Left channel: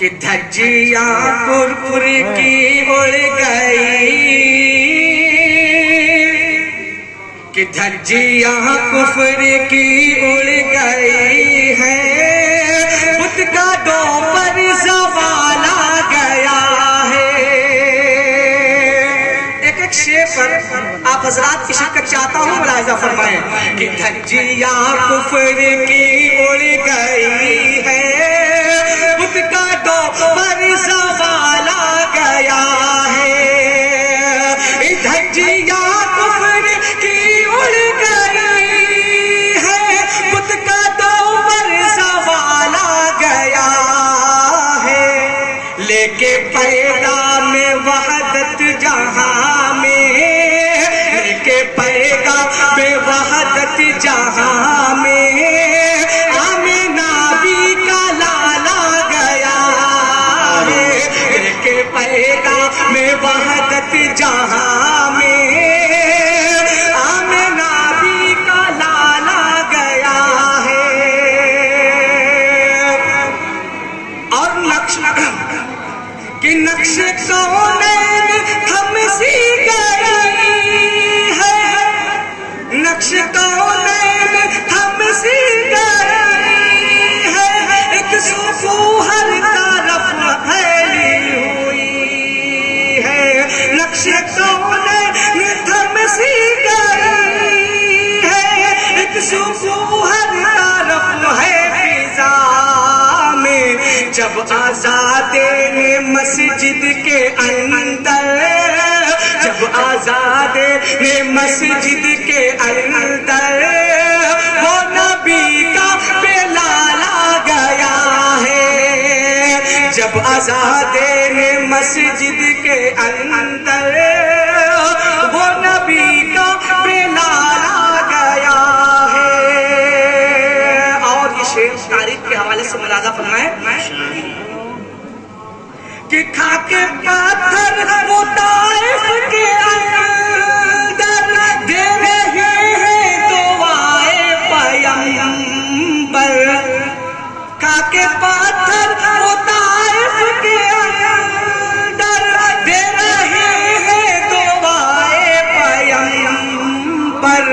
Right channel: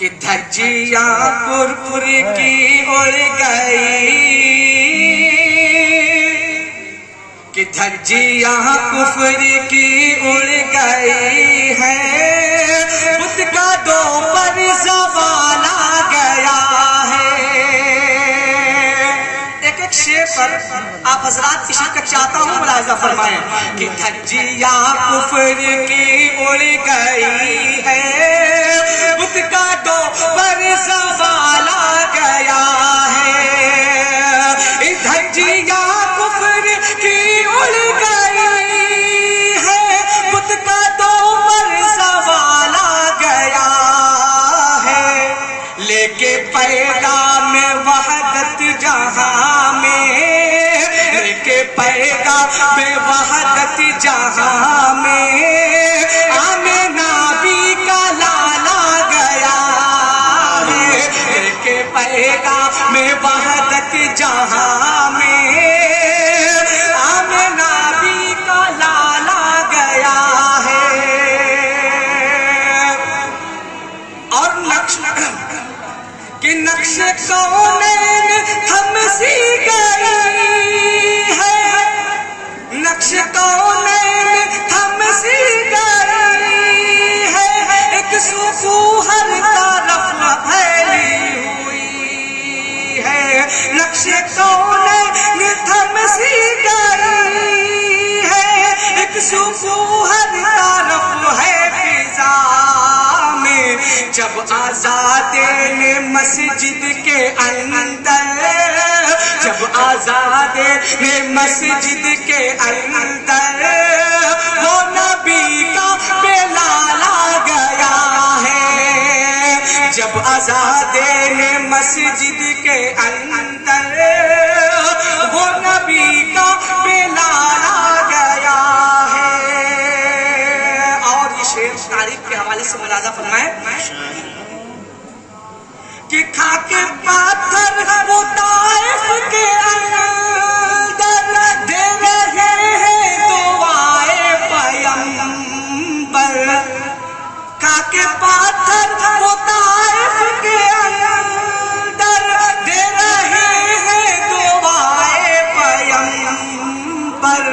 کہ دھجیاں پرپر کی اڑ گئی، کہ دھجیاں کفر کی اڑ گئی ہے، بت کا دو پر زوال آ گیا ہے۔ ایک ایک شعر پر آپ حضرات کی شرکت چاہتا ہوں، ملاحظہ فرمائیں کہ دھجیاں کفر کی اڑ گئی ہے، بت کا دو پر زوال آ گیا ہے۔ دھجیاں کفر کی اڑ گئی ہے، بت کا دو پر زوال آ گیا ہے، لے کے پیغام وحدت جہاں میں، لے کے پیغام وحدت جہاں میں، آمنہ بھی کا لالا گیا ہے، لے کے پیغام وحدت جہاں میں، آمنہ بھی کا لالا گیا ہے۔ اور نقش کہ نقش کونین ہم سی گئی ہے، نقش کونین ہم سی گئی ہے، ایک سو ہر طرف پھیلی ہوئی ہے، نقش کونین ہم سی گئی ہے، ایک سو ہر طرف ہے فضا میں، جب آزادین مسجد کے اندر، جب آزادین مسجد کے اندر، وہ نبی کا بلال آ گیا ہے، جب آزادین مسجد کے اندر، وہ نبی کا بلال آ گیا ہے۔ اور یہ شعر تاریخ کے حوالے سے ملاحظہ فرمائیں کہ کھا کے پاتھر وہ طائف کے اندر، دے رہے ہیں دعائے پیغمبر، کھا کے پاتھر وہ طائف کے اندر، دے رہے ہیں دعائے پیغمبر،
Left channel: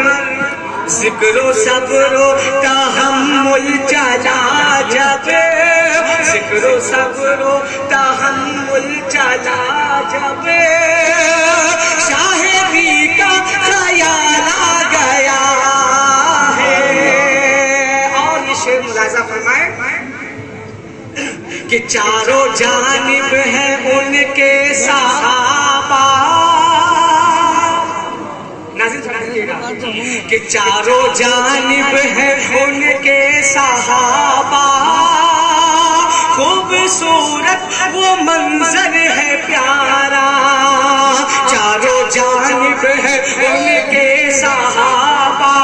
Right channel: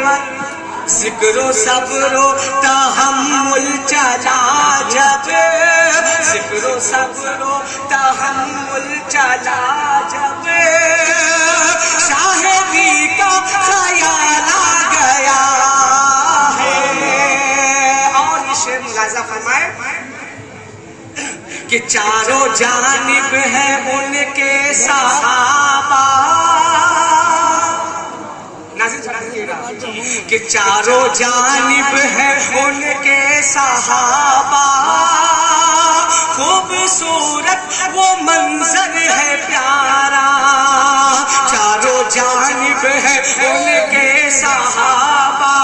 ذکر و صبر و تحمل چلا جب، ذکر و صبر و تحمل چلا جب، شاہدی کا خیال آ گیا ہے۔ اور یہ شعر ملاحظہ فرمائیں کہ چاروں جانب ہیں ان کے صحابہ، کہ چاروں جانب ہے ان کے صحابہ، خوبصورت وہ منظر ہے پیارا، چاروں جانب ہے ان کے صحابہ،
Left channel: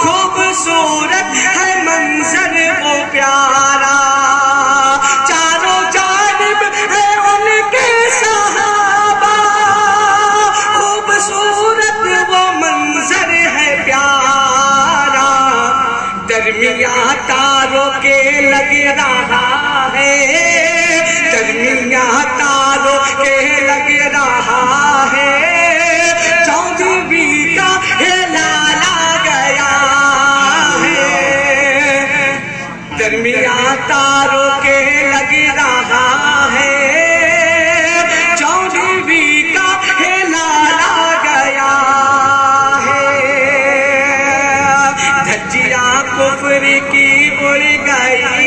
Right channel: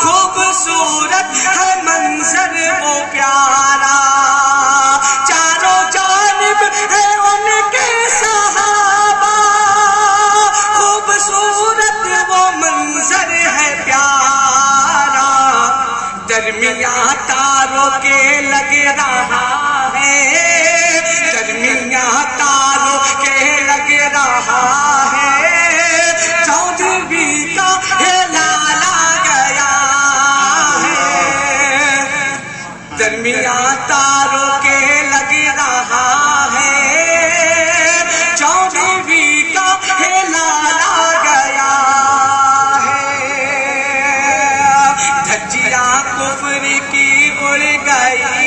خوبصورت ہے منظر وہ پیارا، چاروں جانب ہے ان کے صحابہ، خوبصورت وہ منظر ہے پیارا، درمیان تاروں کے لگ رہا ہے، درمیان تاروں کے لگ رہا ہے، چودھویں کا ہلال آ گیا ہے، درمیان تاروں کے لگ رہا ہے، چودھویں کا ہلال آ گیا ہے۔ دھجیاں کفر کی اڑ گئی